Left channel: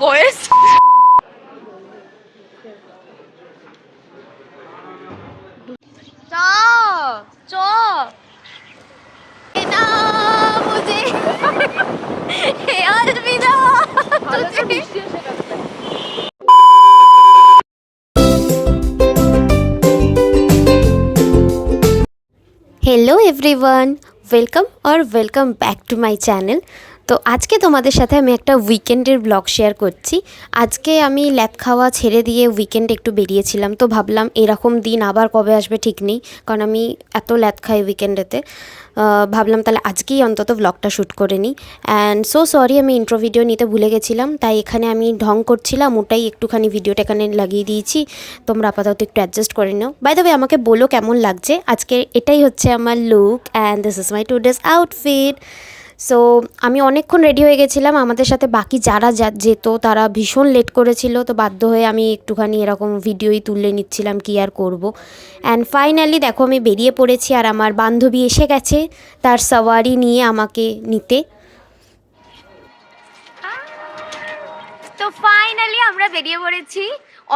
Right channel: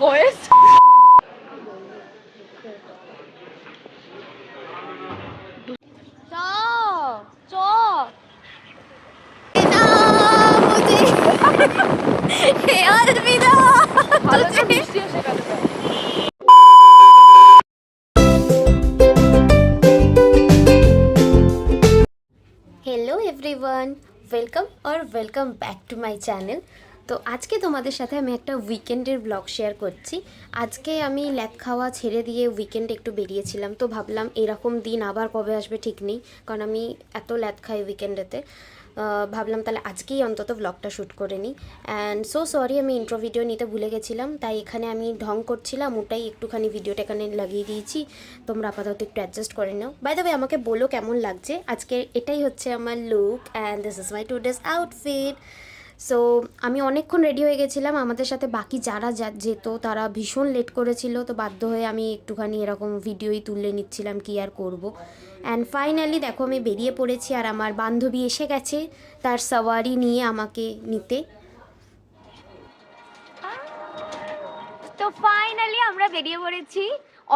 Voice চ ना मुझे अलविदा तुझे हेलो एवरीवन वेलकम और welcome back to my channel. তো আজকে তোমাদের সাথে আমি একটা উইকেন্ডের ব্লগ শেয়ার করছি। আজকে আমি ল্যাদ খাওয়া ছেড়ে দিয়ে উইকেন্ডে একটু বেরিয়েছিলাম, তো ভাবলাম এরকম দিন আবার কবে আসবে ঠিক নেই, কারণ আমি এত ল্যাদ খাই উইকেন্ডেতে। ভাবলাম তাহলে আজকেই অন্তত ব্লগটা শ্যুট করে নিই। অ্যান্ড সো সরি, আমি ইন্ট্রো ভিডিও নিতে ভুলে গেছিলাম, তাই এখানে আমি ঢং করছিলাম, ওটাই একটুখানি ভিডিওটা এখানে লাগিয়ে দিয়েছি। তোমরা আপাতত একটু অ্যাডজাস্ট করে নাও। বাই দ্য ওয়ে, আমাকে বলো কেমন লাগছে আজকে। এটাই হচ্ছে আমার look and this is my today's outfit. So আমি অনেকক্ষণ রেডি হয়ে গেছিলাম, আমাদের সাথে বাকি যারা যেত তারা ভীষণ লেট করেছিল, তো বাধ্য হয়ে আমি একটুখানি এরকম ভিডিওই তুলে নিচ্ছিলাম, কি আর করব। অ্যান্ড ফাইনালি দেখো আমি বেরিয়ে পড়েছি, আর আমার বান্ধবী এসে গেছে তার সাওয়ারি নিয়ে আমাকে নিতে। তো ফাইনালি আমরা বেরিয়ে পড়েছি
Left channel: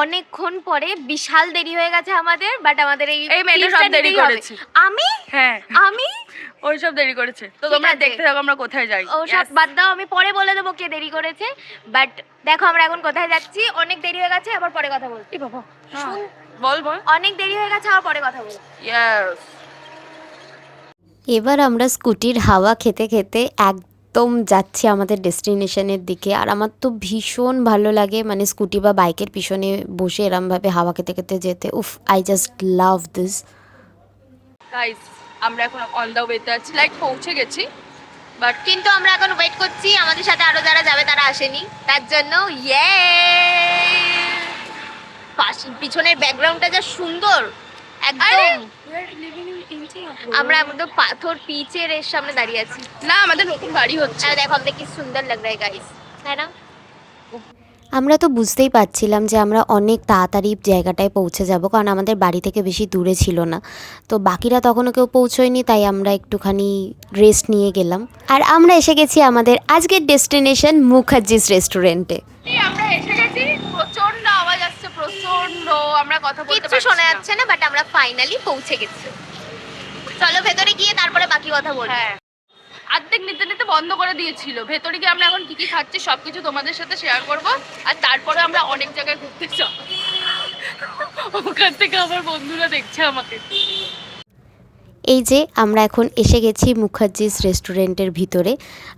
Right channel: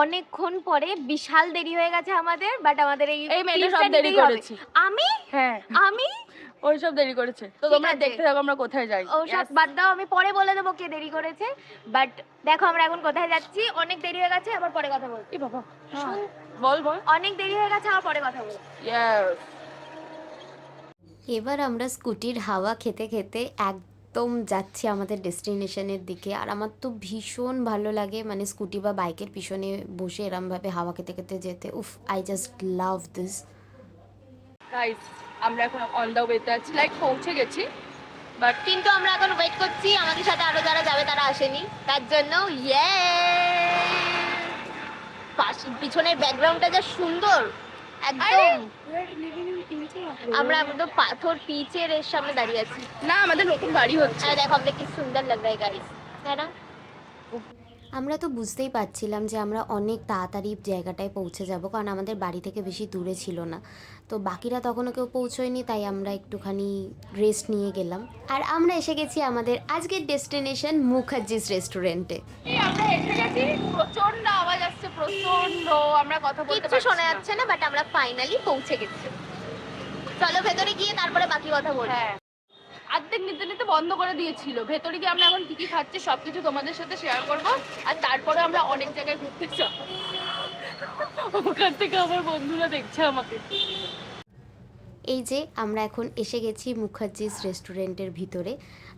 অনেকক্ষণ পরে। বিশাল দেরি হয়ে গেছে আমাদের, বাট আমাদের এই মেয়েটা সব দেরি করেছে। আমি হ্যাঁ আমি ওই সব দেরি করেছে, তো তোমরা দেখতে থাকো আমরা কোথায় যাই। ও সব বাদ দাও, আমি পরে বলে দেবো কে দেরি করেছে। বাট দেখো আমরা এখন কোথায় যাচ্ছি। অনেক দেরি হয়ে গেছে, আবার পরে কথা বলছি। বাবা বল বল। অনেক দেরি হয়ে গেছে, আবার পরে কথা বলছি। ইয়েস। এবার আমরা স্কুটির হাওয়া খেতে খেতে একদম যাচ্ছি আমাদের ডেস্টিনেশনের দিকে। আর আমার তো ভীষণ ভালো লাগে, মানে স্কুটি বা বাইকের পিছনে বসে এরমভাবে হাওয়া খেতে খেতে যেতে। উফ, I just love this. Guys আমরা এখন অন দ্য ওয়েতে আছি, লাইক পৌঁছে গেছি, বাট কিন্তু আমরা এখন ওয়েট করছি, আমাদের সাথে আরো যারা যাবে তারা আসেনি, তার জন্য ইয়ে পিছনের ব্যাকগ্রাউন্ডটা যা সুন্দর একদম। আমরা একদম পাথর পিচের এর সামনে দাঁড়িয়ে আছি। না আমাদের নতুন বাড়ি হচ্ছে। আর দেখো আমাদের কি সুন্দর লাগ রहा है गाइस, है ना? আমরা তো বুঝতেই পারছিলাম যে আমরা অনেক তাড়াতাড়ি জায়গাটায় পৌঁছে যাব, কারণ আমাদের বাড়ি থেকে বেশি দূরে ছিল না। তো বাকিরা তখনও কেউ পৌঁছয়নি, তাই আমরা একটুখানি রেস্ট নিয়ে গেলাম। আর আমরা এসে গেছি আমাদের আজকের ডেস্টিনেশন মুখার্জিস রেস্টুরেন্টে। আমরা এসে গেছি, প্রচন্ড আওয়াজ আসছে, প্রচন্ড, আমরা কথা বলতে কিচ্ছু শোনা যাচ্ছে না, বাট আমরা ফাইনালি পৌঁছে গেছি। চলো ভেতরে গিয়ে তারপরে বাকি কথা বলবো। হ্যাঁ, অর্ধেক নিতে নিতে বন্ধ করে দিয়েছিল। ভেতরে গিয়ে আমরা এখন কি কি খাচ্ছি সবকিছু তোমাদের সাথে শেয়ার করব, আর তারপরে আমরা অনেক জায়গায় ঘুরতে যাব। ওখান থেকে আমার বন্ধুরা দেখছে আমাকে। এই যে আমরা এখন এসে গেছি মুখার্জিস রেস্টুরেন্টের ভিতরে।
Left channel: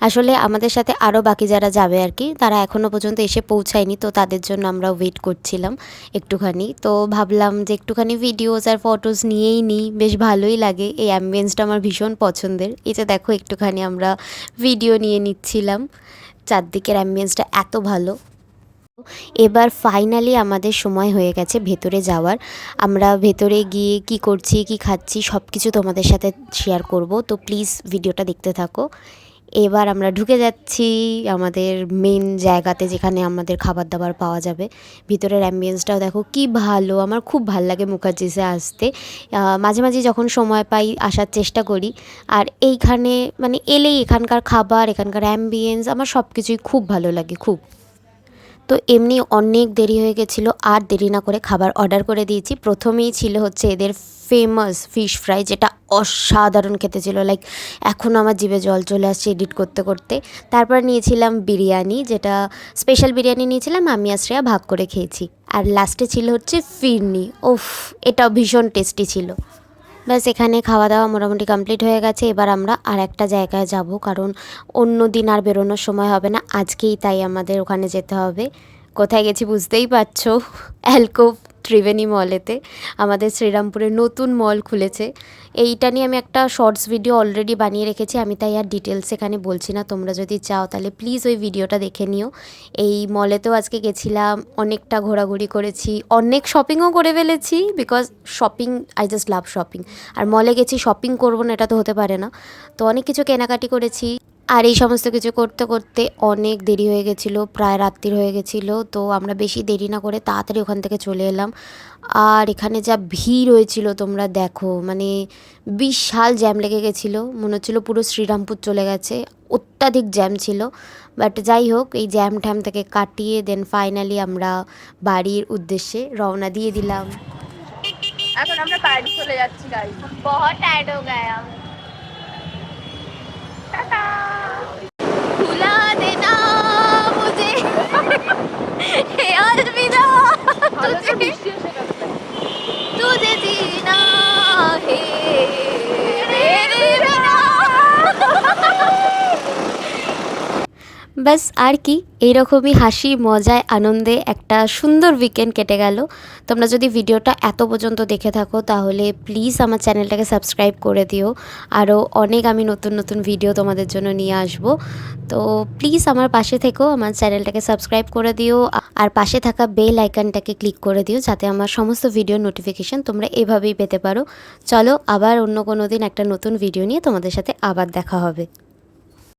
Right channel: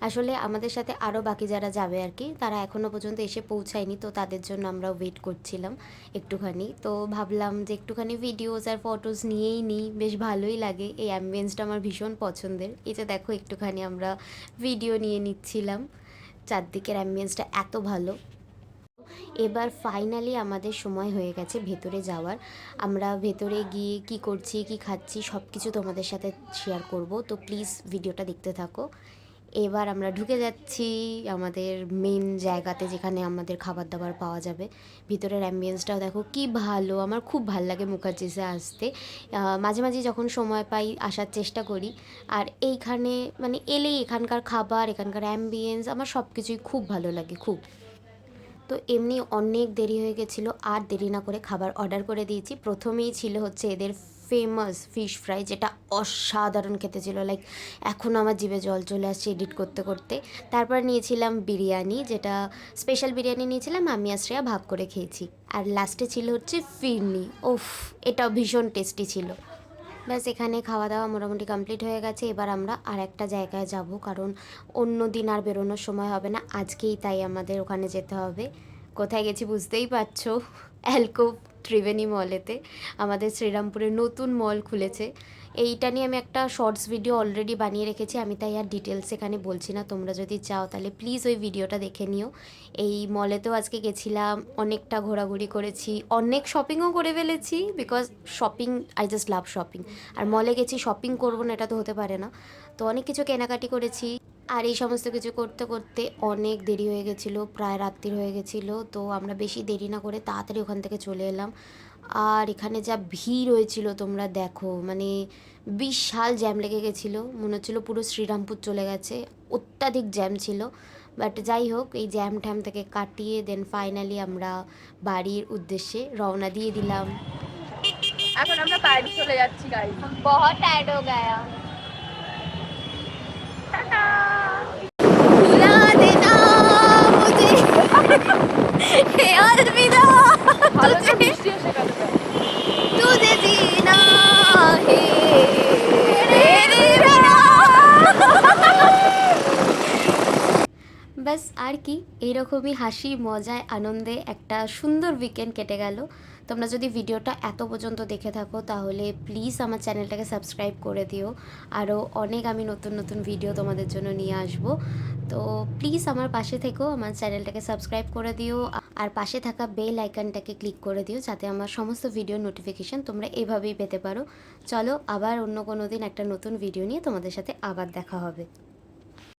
আসলে আমাদের সাথে আরও বাকি যারা যাবে আর কি, তারা এখনও পর্যন্ত এসে পৌঁছায়নি, তো তাদের জন্য আমরা ওয়েট করছিলাম একটুখানি। তো ভাবলাম যে একটুখানি ভিডিওস আর ফটোস নিয়েই নিই, বেশ ভালোই লাগে। এই অ্যাম্বিয়েন্সটা আমার ভীষণ পছন্দের। এই যে দেখো একটুখানি আমরা ভিডিও নিয়ে নিচ্ছিলাম, চারদিকের অ্যাম্বিয়েন্সটা এত ভালো। এবার ফাইনালি আমাদের সময় হয়ে গেছে ভেতরে যাওয়ার। আমরা ভেতরে গিয়ে কি করছি কি খাচ্ছি সব কিছু তোমাদের সাথে শেয়ার করব, তো প্লিজ ভিডিওটা দেখতে থাকো। এবার আমরা ঢুকে যাচ্ছি আমাদের মেন জায়গাতে, যেখানে আমাদের খাবার দাবার পাওয়া যাবে। ভিতরের অ্যাম্বিয়েন্সটাও দেখো কি ভালো, আমার খুব ভালো লাগে মুখার্জিসে আসতে। মাঝে মাঝে যখন সময় পাই আসার চেষ্টা করি। আর এইখানে মানে এলেই এখানকার খাবার, এখানকার অ্যাম্বিয়েন্স আমার সব কিছুই খুব ভালো লাগে খুব। তো এমনি অনেক দেরি হয়ে গেছিলো, আর দেরি না করে খাবার অর্ডার করে দিয়েছি। প্রথমেই ছিল হচ্ছে এদের ফেমাস ফিশ ফ্রাই, যেটা অসাধারণ খেতে ছিল, লাইক এখনও আমার জিভে জল চলে আসছে এডিট করতে করতে। তারপর নিয়েছিলাম বিরিয়ানি, যেটা স্পেশাল বিরিয়ানি নিয়েছিলাম, আমি আর শ্রেয়া ভাগ করে খেয়েছি। আর লাস্টে ছিল হচ্ছে ফিরনি, ওফ এটাও ভীষণ টেস্টি ছিল। ব্যাস এখানে খাওয়া দাওয়া মোটামুটি কমপ্লিট হয়ে গেছে। এবার আমরা আর একটা জায়গায় যাব, কারণ অন্য দিন আর বেরোনোর সময় হবে না, আজকেই তাই আমাদের ওখানে যেতে হবে। কোথায় গেছি বুঝতেই পারছো, অ্যালকোভ ত্রিবেণী মলেতে। আমাদের শ্রীরামপুরে নতুন মল খুলেছে। এইটা নিয়ে আমি একটা শর্টস ভিডিও অলরেডি বানিয়ে রেখেছি, আমি তাই আর ডিটেলস এখানে বলছি না। তোমরা যদি চাও তাহলে প্লিজ ওই ভিডিওটা দেখে নিও। এই মলেতেও আজকে গেছিলাম, অনেকটা ঘোরাঘুরি করেছি, অনেক শপিংও করে ফেলেছি, because shopping, I just love shopping. আর মলে গেছি শপিং করবো না এটা তো হতে পারে না। তো অনেক কিছু কেনাকাটি করেছি। আর এই সমস্ত কিছু করতে করতে অনেক দেরি হয়ে গেছিলো, প্রায় রাত্রির হয়ে গেছিলো। তো আমরা বেশি দেরি না করে তাড়াতাড়ি ওখান থেকে চলে এলাম। আর এখানে যা ভিড় হয়েছিল তোমরা দেখো, মানে বিশাল জ্যাম লেগে গেছিলো, মনে হচ্ছিলো পুরো শ্রীরামপুর চলে গেছে, অত্যাধিক জ্যাম ছিল। বাট যাই হোক, এই জ্যাম ট্যাম থেকে কাটিয়ে দেন ফাইনালি আমরা বাড়ির উদ্দেশ্যে রওনা দিয়ে দিলাম। এখন আমরা বাড়ি চলে যাচ্ছি গাইস। बहुत टायर्ड हो गया। টাটা। भुला देना मुझे हे अलविदा ভালো তো तुझे বৃষ্টি এসে গেল তো। तुझे जीना है तेरे बिना। ব্যাস আর কি, এইরকমই হাসি মজায় আনন্দে একটা সুন্দর উইকেন্ড কেটে গেল। তোমরা যদি ভিডিওটা এত পর্যন্ত দেখে থাকো তাহলে প্লিজ আমার চ্যানেলটাকে সাবস্ক্রাইব করে দিও। আরও অনেক আমি নতুন নতুন ভিডিও তোমাদের জন্য নিয়ে আসব। তো প্লিজ আমার পাশে থেকো, আমার চ্যানেলটাকে সাবস্ক্রাইব করে দিও আর পাশে থাকা বেল আইকনটাকে ক্লিক করে দিও যাতে আমার সমস্ত ভিডিও নোটিফিকেশান তোমরা এভাবেই পেতে পারো। চলো আবার অন্য কোনো দিন একটা নতুন ভিডিও নিয়ে তোমাদের সাথে আবার দেখা হবে।